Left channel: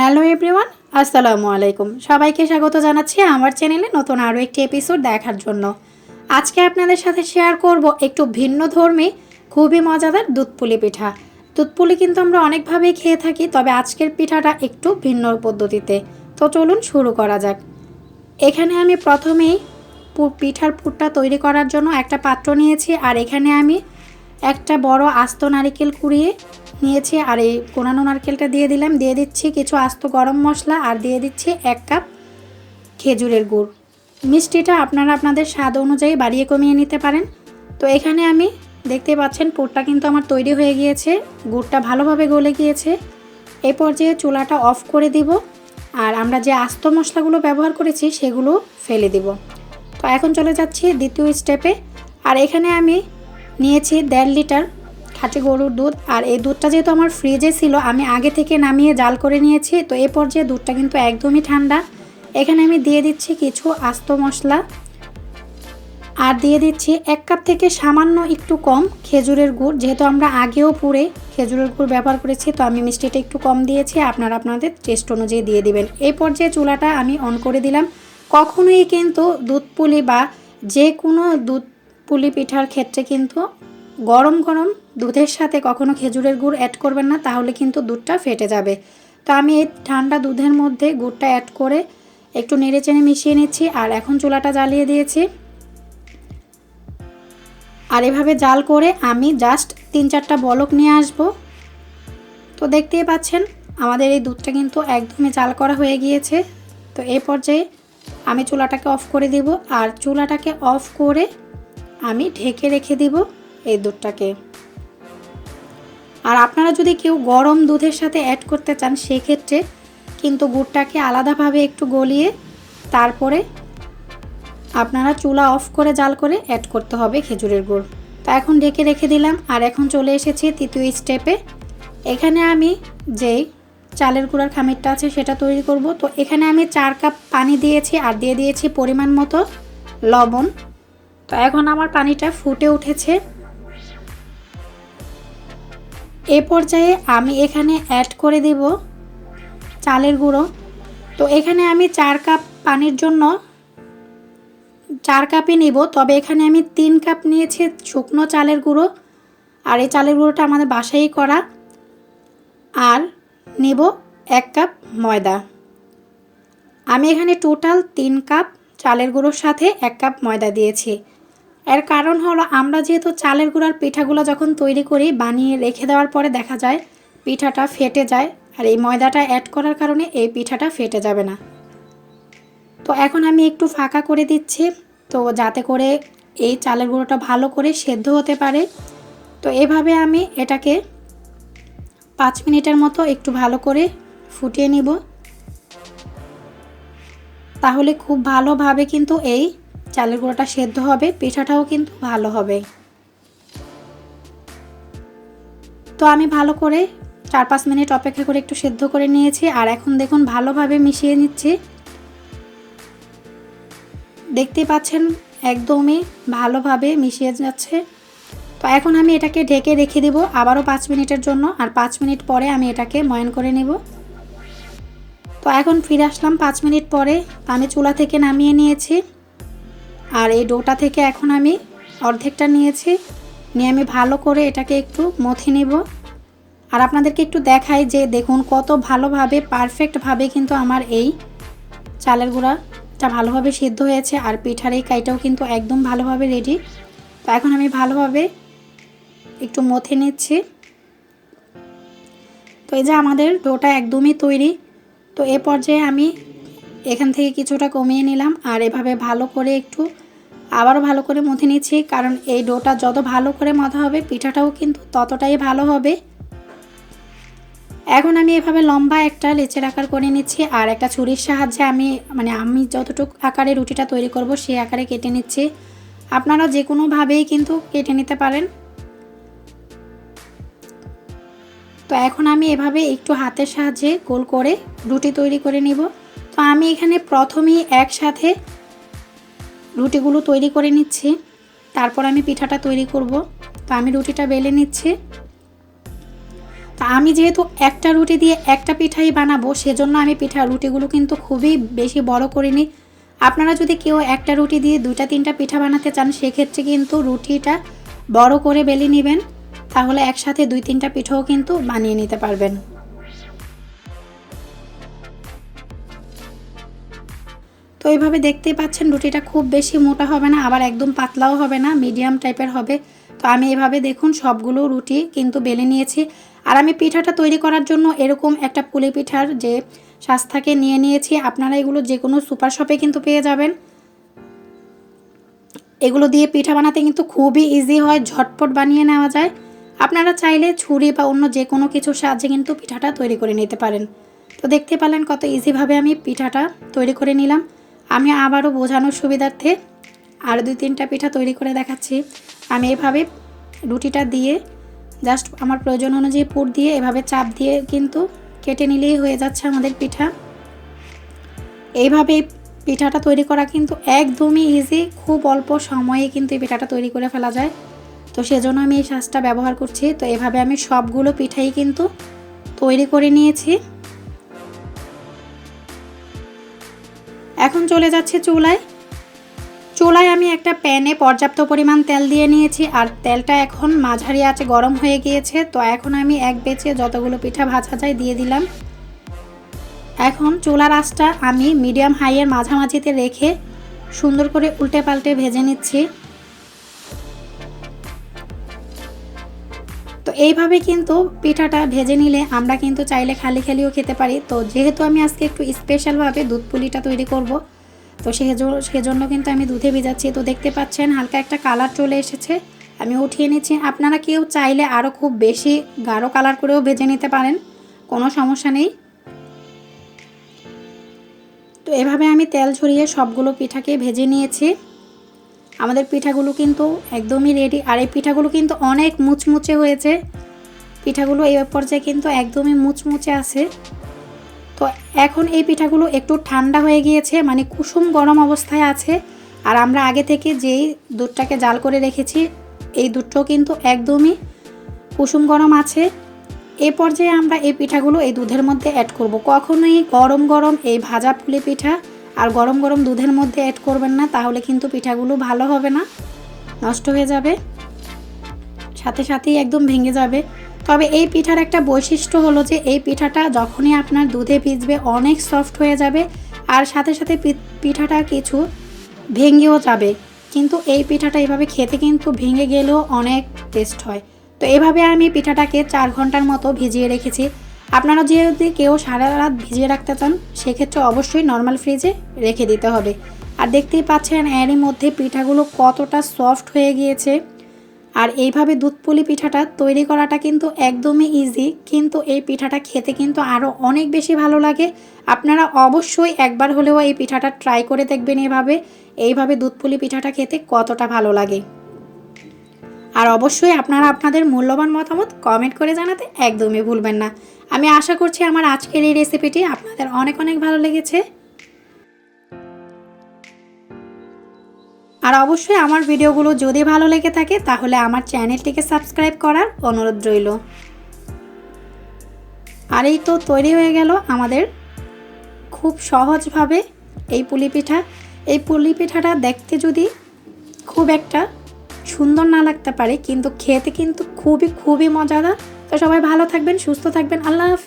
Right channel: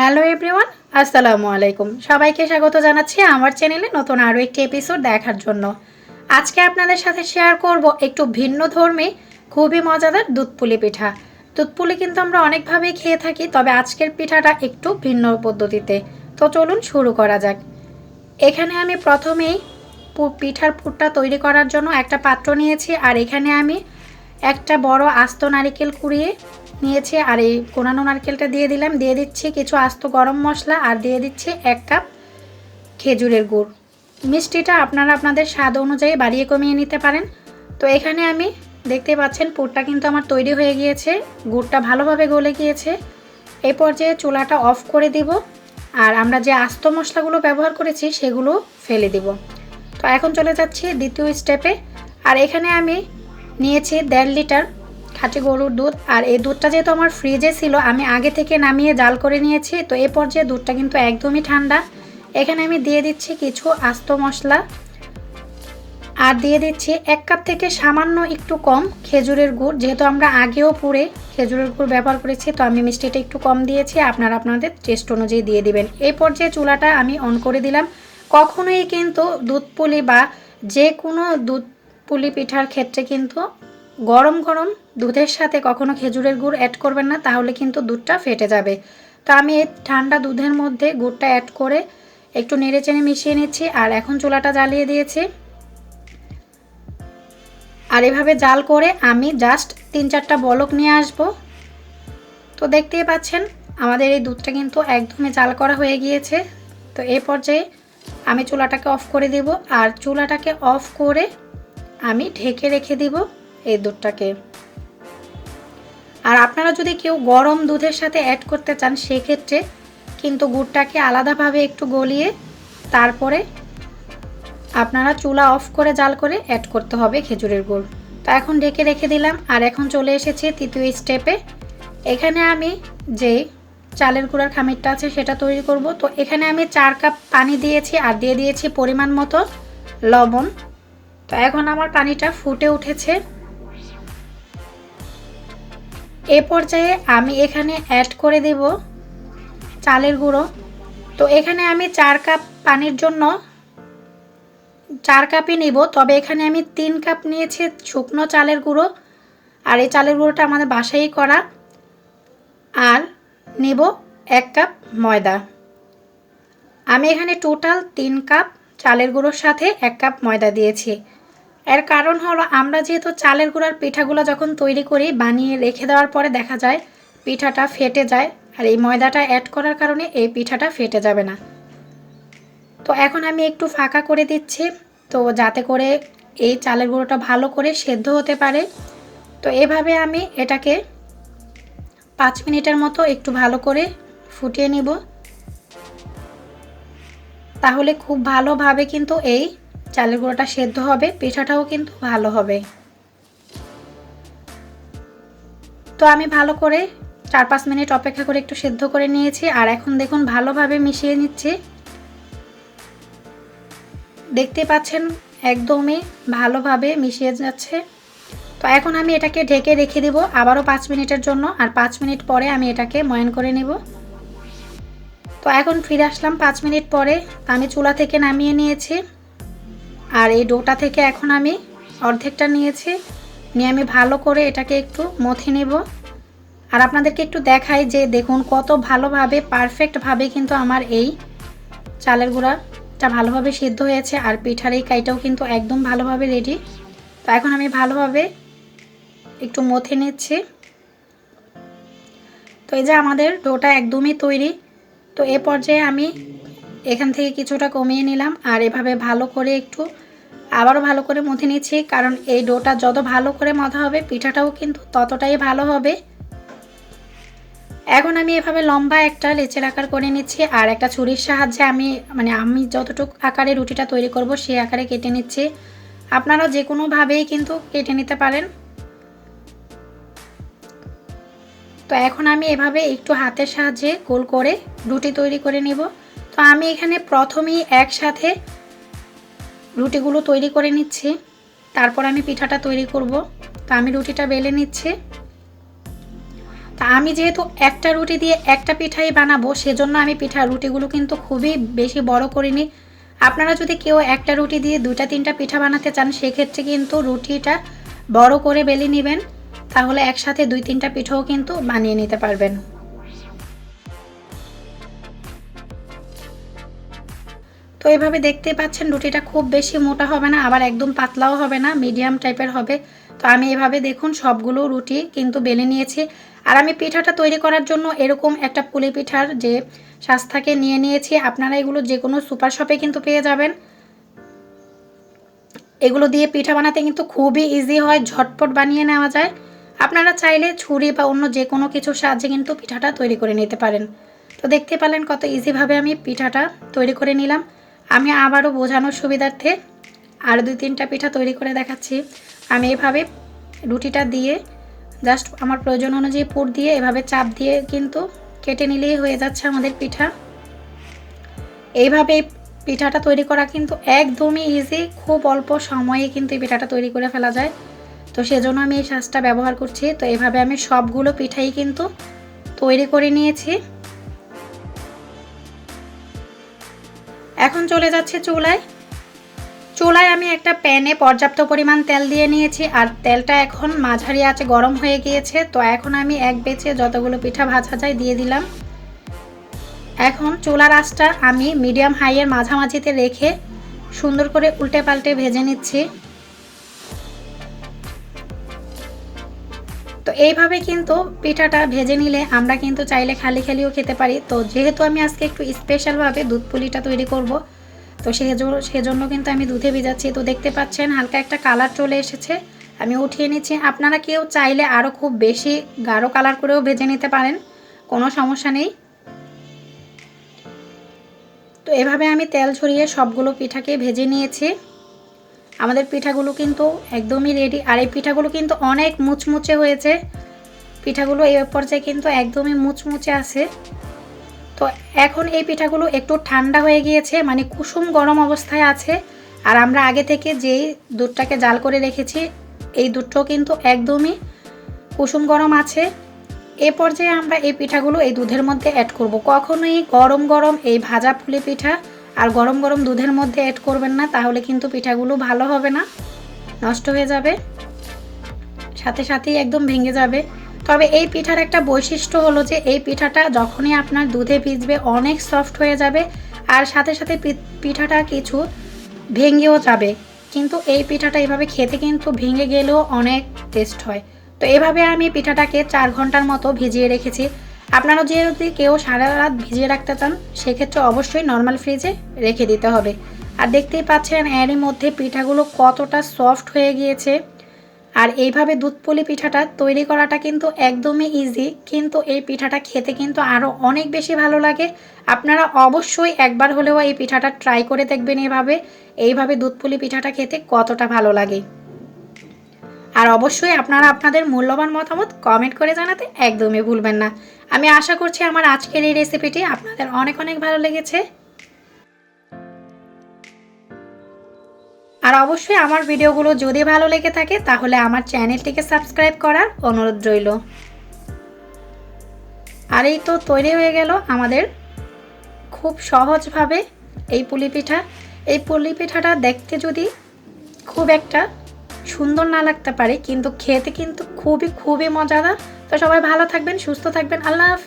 Hello everyone, আসসালামু আলাইকুম। সবাইকে স্বাগত জানাচ্ছি আমার চ্যানেলে নতুন আরও একটি এপিসোড দেখার জন্য। আজকে আপনাদের সাথে শেয়ার করব একটু ভিন্ন ধর্মী খুবই মজাদার দুধ পুলি পিঠা। দুধ পুলি কিন্তু আমরা অনেকভাবেই খেয়ে থাকি, তবে আজকের পিঠাটা একটু ভিন্ন পদ্ধতিতে। তো চলুন শুরু করা যাক। এখানে আমি প্রথমেই পিঠার পুরটা তৈরি করার জন্য একটা পাত্র নিয়েছি, আর এখানে আমি একটা বড় আস্ত নারকেল কুড়িয়ে নিয়েছি, আর এই কোরানো নারকেলটা দিয়ে দিলাম। দিয়ে দিচ্ছি কিছু আস্ত গরম মশলা, আর দিয়ে দিচ্ছি 1 কাপ খেজুরের গুড়। মিষ্টিটা আপনারা আপনাদের স্বাদ অনুযায়ী বাড়িয়ে কমিয়ে নিতে পারেন। তো এখানে আমি দেখতে পাচ্ছেন পুরটা কিন্তু আমার তৈরি হয়ে গিয়েছে, গুড়টা ভালোভাবে গলে গিয়েছে। এই পর্যায়ে চুলাটা অফ করে দিব, আর আমরা যে আস্ত মশলাগুলো ব্যবহার করেছি সেগুলো ফেলে দিব। তো এখন চলে যাচ্ছি দ্বিতীয় স্টেপে। আর এখানে আমি নিয়েছি 1.5 লিটার খাঁটি গরুর দুধ, আর এই দুধটা যেহেতু আমার ফ্রিজে ছিল আমি আগে থেকে নামিয়ে জাল করে নিয়েছি। তো এই পর্যায়ে দুধটা কিন্তু একদমই ঠান্ডা। এখানে আমি দিয়ে দিচ্ছি কিছু আস্ত মশলা, আর দিয়ে দিচ্ছি 1 কাপ থেকে সামান্য একটু কম খেজুরের গুড়। যেহেতু আমরা আগেও পুরে খেজুরের গুড় ব্যবহার করেছি, তো আমি মিষ্টিটা একটু কম দিয়েছি, আপনারা আপনাদের টেস্ট অনুযায়ী দিয়ে দিবেন। এই পর্যায়ে চুলাটা আমি অন করে দিলাম। কখনোই কিন্তু দুধ পুলি বা যে কোনো দুধ পুলি পিঠার ক্ষেত্রে কিন্তু গরম গরম দুধের সাথে কখনো খেজুরের গুড় অ্যাড করবেন না, তাহলে কিন্তু দুধটা ফেটে যাবে। তো আমি এই ঠান্ডা দুধের মধ্যে গুড়টা অ্যাড করে একটু নেড়েচেড়ে মিশিয়ে নিচ্ছি, আর এখন চুলাটা জ্বালিয়ে দিয়েছি। আর এভাবে জাল করে আমি জাস্ট 3-4টা বলক নিয়ে আসব। তো দেখতেই পাচ্ছেন আমাদের এই দুধটা কিন্তু একদমই জাল করা হয়ে গিয়েছে। তো এই পর্যায়ে আমি চুলাটাকে অফ করে দিব, আর চুলাটাকে অফ করে আমি ঢেকে রেখে দিব এই দুধটাকে। আর আপনারা যদি কেউ গরম দুধের সাথে অ্যাড করতে চান সেক্ষেত্রে কিন্তু গুড়টাকে আলাদাভাবে একটু গলিয়ে তারপরে আপনারা চুলা অফ করে জাল করে অ্যাড করতে হবে খেজুরের গুড়। তো এখন ঢেকে রেখে দিলাম, আর এখন চলে এসেছি তৃতীয় স্টেপে। এখানে আমি যে চালের গুঁড়ার খামিরটা আছে সেটা তৈরি করব। তো এখানে আমি 4 কাপ পানি দিয়েছি, আর দিয়ে দিয়েছি পরিমাণ মতো লবণ। তো এখন আমার পানিটা ফুটে উঠেছে। এ পর্যায়ে আমি এখানে অ্যাড করে দেব চালের গুঁড়ো। তো এখানে আমি 4 কাপ পানির জন্য 4 কাপই নিব, তবে এখানে আমি 3 কাপ নিয়েছি শুকনো চালের গুঁড়ো, আর এই চালের গুঁড়োটা আমাদের বাসায়ই করা। আর নেব 1 কাপ ময়দা। আমি এখানে টোটাল 3 কাপ চালের গুঁড়োর সাথে 1 কাপ ময়দা দিয়েছি। এর কারণ হলো আমরা যেহেতু চালের গুঁড়ার পিঠাগুলো যখন তৈরি করি বানিয়ে রেখে দেওয়ার পরে দেখা যায় পিঠাটা ফেটে যায়, আর এই ময়দাটা অ্যাড করার কারণে এই পিঠাটা ফেটে যাবে না। তো এখন আমি একটু ফাঁকা করে দিচ্ছি, তো যাতে করে এই চালের গুঁড়োটা ভালো করে সেদ্ধ হতে পারে। তো এভাবে আমি এটাকে 5 মিনিটের মতো একটু ভালো করে ফুটিয়ে নিব, তাহলে খুব ভালোভাবে কিন্তু এই চালের গুঁড়োটা সেদ্ধ হবে, পিঠাটাও কিন্তু ভালো হবে। তো আমি ভালো করে 4-5 মিনিট অপেক্ষা করে একটু সেদ্ধ করে নিয়েছি, আর এখন দেখুন ভালোভাবে মিশিয়ে নিচ্ছি। দেখতে পাচ্ছেন একদমই ভালোভাবে মিশিয়ে যাচ্ছে। তো এখন আমি এটাকে ঢেকে রেখে দিব আবারও 5 মিনিটের জন্য, আর 5 মিনিট পরে আমি এটাকে ময়ান করে নেব। তো এখন ফিরে আসলাম 5 মিনিট পরে। আমি চুলা থেকে নামিয়ে নিয়েছি, আর এই ডোটা থেকে এখন আমি অর্ধেকটা নিয়েছি, নিয়ে আমি ভালো করে এটাকে একটু মথে নেব। আর আপনাদেরকে একটু দেখাই যে দেখুন কত ভালোভাবে পারফেক্টভাবে কিন্তু আমার এই চালের গুঁড়াটা ভালোভাবে সিদ্ধ হয়েছে, আর পিঠার এই কাইটাও কিন্তু একদম ভালোভাবে রেডি। তো এখন আমি ভালোভাবে একটু মথে নিচ্ছি। তো এই যে আমাদের ডোটা একদমই তৈরি। তো এ পর্যায়ে আমি এখান থেকে কিছুটা কমিয়ে নিলাম, আর এভাবে ভালো করে একটু আবারও ভালো করে মথে নিচ্ছি, কারণ এই ডোটা যত ভালো করে মথা হবে পিঠাটাও কিন্তু ততটাই ভালো হবে। এখন আমি এভাবে লম্বা একটা লেচের আকার করে নিচ্ছি, আর একটা ছুরির সাহায্যে আমি যতটুকু আকারে রুটিটা তৈরি করব সেই আকারে কেটে নিচ্ছি। আপনারা যে কোনোভাবেই কিন্তু কেটে নিতে পারেন। তো এখন আমি এভাবে একটু হাতের সাহায্যে গোল করে রুটি তৈরি করে নিব। তো আমি এখানে প্রথমেই একসাথে রুটিগুলো তৈরি করে নিচ্ছি, তারপর আমি পিঠাটা তৈরি করব। তো আমি রুটিটা বেলে নিচ্ছি। তা আমি যেহেতু একটা রুটি দিয়ে একটা পিঠাই বানাবো, সেজন্য আমি রুটিগুলো কিন্তু খুবই বেশি বড় করিনি। আপনারা যদি কেউ একটা রুটি দিয়ে 2-3টা পিঠা বানাতে চান, সেক্ষেত্রে কিন্তু রুটিটা বড় করে বেলে নেবেন, তাহলে একসাথে 2-3টা পিঠাও কিন্তু বানিয়ে নিতে পারবেন। তো এইভাবে দেখতে পাচ্ছেন রুটিটা খুব বেশি মোটা হবে না, আবার একদম পাতলাও হবে না, মিডিয়াম টাইপের হবে। তো আমি এভাবে দেখুন সবগুলো রুটি কিন্তু বেলে নিয়েছি। আর আমি পিঠাটা তৈরি করার জন্য এরকম একটা পুলি পিঠার যে শাঁসটাকে নিয়ে নিয়েছি। আপনারা এগুলো যে কোনো সুপার শপে কিন্তু পেয়ে যাবেন। এগুলো দিয়ে পিঠা বানাতে কিন্তু খুবই ইজি হয়, ঝটপট বানিয়ে নেওয়া যায়। আপনারা চাইলে ছুরি বা অন্য যে কোনো কিছুর সাহায্যে কিন্তু পিঠাটা তৈরি করে নিতে পারেন। তো দেখতে পেলেন কত ইজিভাবে আমি পিঠাটা তৈরি করে নিলাম। আমি আবারও বোঝানোর সুবিধার্থে আরও 2-3টা পিঠা তৈরি করে দেখাচ্ছি। আমি এভাবে রুটিটা দিয়ে জাস্ট আমার প্রয়োজন অনুযায়ী পুর দিয়ে এভাবে চাপ দিয়ে কিন্তু কেটে নিলেই হয়ে যাচ্ছে আমাদের পিঠা। এইভাবে পিঠাটা তৈরি করা কিন্তু একদমই ইজি, খুব অল্প সময়ে কিন্তু এই পিঠাটা তৈরি করে ফেলা যায়। তো সেজন্য আমি এই শাঁসটা ব্যবহার করছি। তো এভাবে আমি সবগুলো পিঠাই কিন্তু তৈরি করে নিয়েছি। এখন চলে যাচ্ছে চুলায় আমি একটা প্যানে পর্যাপ্ত পরিমাণ তেল দিয়ে নিয়েছি, আর তেলটা এখন মাঝারি আঁচে গরম হয়ে গিয়েছে। তো এখন আমি এক বেচে যতগুলো পিঠা ভাজা যায় দিয়ে দিলাম। এখন চুলার আঁচটা আমি মিডিয়াম হাইয়ের মাঝামাঝিতে রেখে সুন্দর করে উল্টে পাল্টে ভেজে নিচ্ছি। তো এইভাবে কিন্তু পিঠাটা ভেজে নিলে আমরা কিন্তু চাইলে খালি খালিও খেতে পারি। তো যেহেতু আমি আজকে একটু স্পেশালভাবে দুধ পুলিটা তৈরি করব, তো সেজন্য কিন্তু আমি দুধে ভিজাচ্ছি। তো দেখতে পাচ্ছেন হালকা একটা কালার চলে এসেছে, আমি উঠিয়ে নিচ্ছি। আপনারা কেউ চাইলে আরও খুব বেশি গাঢ় কালার করেও ভেজে নিতে পারেন, কোনো সমস্যা নেই। তো এভাবে আমি তেল ছড়িয়ে সবগুলো পিঠাকে ভেজে নিয়েছি। আমাদের পিঠাগুলো কিন্তু একদমই রেডি। আর এই পিঠাগুলো কিন্তু অনেক মুচমুচে হয়েছে। পিঠাগুলো এই পর্যায়ে কিন্তু একদমই মুচমুচে আছে। তো এখন এই পিঠাগুলো একটু ঠান্ডা হয়ে গিয়েছে, মানে কুসুম গরম অবস্থায় আছে। আর আমরা আগে থেকে যেই দুধটাকে জাল করে রেখেছি, এই দুধটাও কিন্তু একদমই কুসুম গরম আছে। এ পর্যায়ে আমরা এই পিঠাগুলো এই দুধের মধ্যে অ্যাড করব। কখনোই গরম গরম এই ভাজা পুলি পিঠা আর গরম গরম দুধের মধ্যে অ্যাড করবেন না, তাহলে কিন্তু পিঠাগুলো ভালো হবে না, নষ্ট হয়ে যাবে, সাথে সাথেই একদম ভেঙে যাবে। তবে এই পিঠার একটা বৈশিষ্ট্য হলো যে এই পিঠাটা যখনই আপনার দুধে ভিজবে অনেক সফট হয়ে যাবে, আর সাথে সাথে পিঠাটা কিছু ভেঙেও যাবে। কিন্তু এই পিঠাটা এভাবে খেতে কিন্তু ভেঙে গেলেও অনেক টেস্ট হয়। তো এভাবে আমি পিঠাটাকে 4 ঘন্টার মতো ভিজিয়ে রেখেছি। আপনারা যদি কেউ সারা রাত ভিজিয়ে রাখতে চান, সেক্ষেত্রে অবশ্যই নর্মাল ফ্রিজে রেখে দিতে হবে। আর দেখতেই পাচ্ছেন এরই মধ্যে পিঠাগুলো কতটা সফট হয়ে গিয়েছে। আর এইভাবে দুধ পুলি পিঠাটা তৈরি করাটা কিন্তু একদমই ইজি, কিন্তু এই পিঠাটা খেতে কিন্তু আরও অনেক বেশি ভালো লাগে। আপনারা অবশ্যই একবার হলেও এই পিঠাটা ট্রাই করে দেখবেন এইভাবে দুধ পুলি পিঠাটা খেতে কতটা ভালো লাগে। আর অবশ্যই আপনারা আপনাদের মূল্যবান মতামত কমেন্ট করে জানাতে একদমই ভুলবেন না। আমি আশা করছি আমার আজকের এই রেসিপিটি আপনাদের অনেক অনেক ভালো লেগেছে। আর অবশ্যই আমার ভিডিওগুলো যদি ভালো লেগে থাকে তাহলে আমার চ্যানেলটিকে সাবস্ক্রাইব করার অনুরোধ রইল। আর এই তো তৈরি হয়ে গেল আমাদের খুব সহজভাবে এই পুলি পিঠা। এই পুলি পিঠাটা দেখতে যদি খুব একটা সুন্দর না লাগতে পারে, কিন্তু খেতে কিন্তু খুবই খুবই মজাদার। তো সবাই ভালো থাকবেন, সুস্থ থাকবেন। আল্লাহ হাফেজ।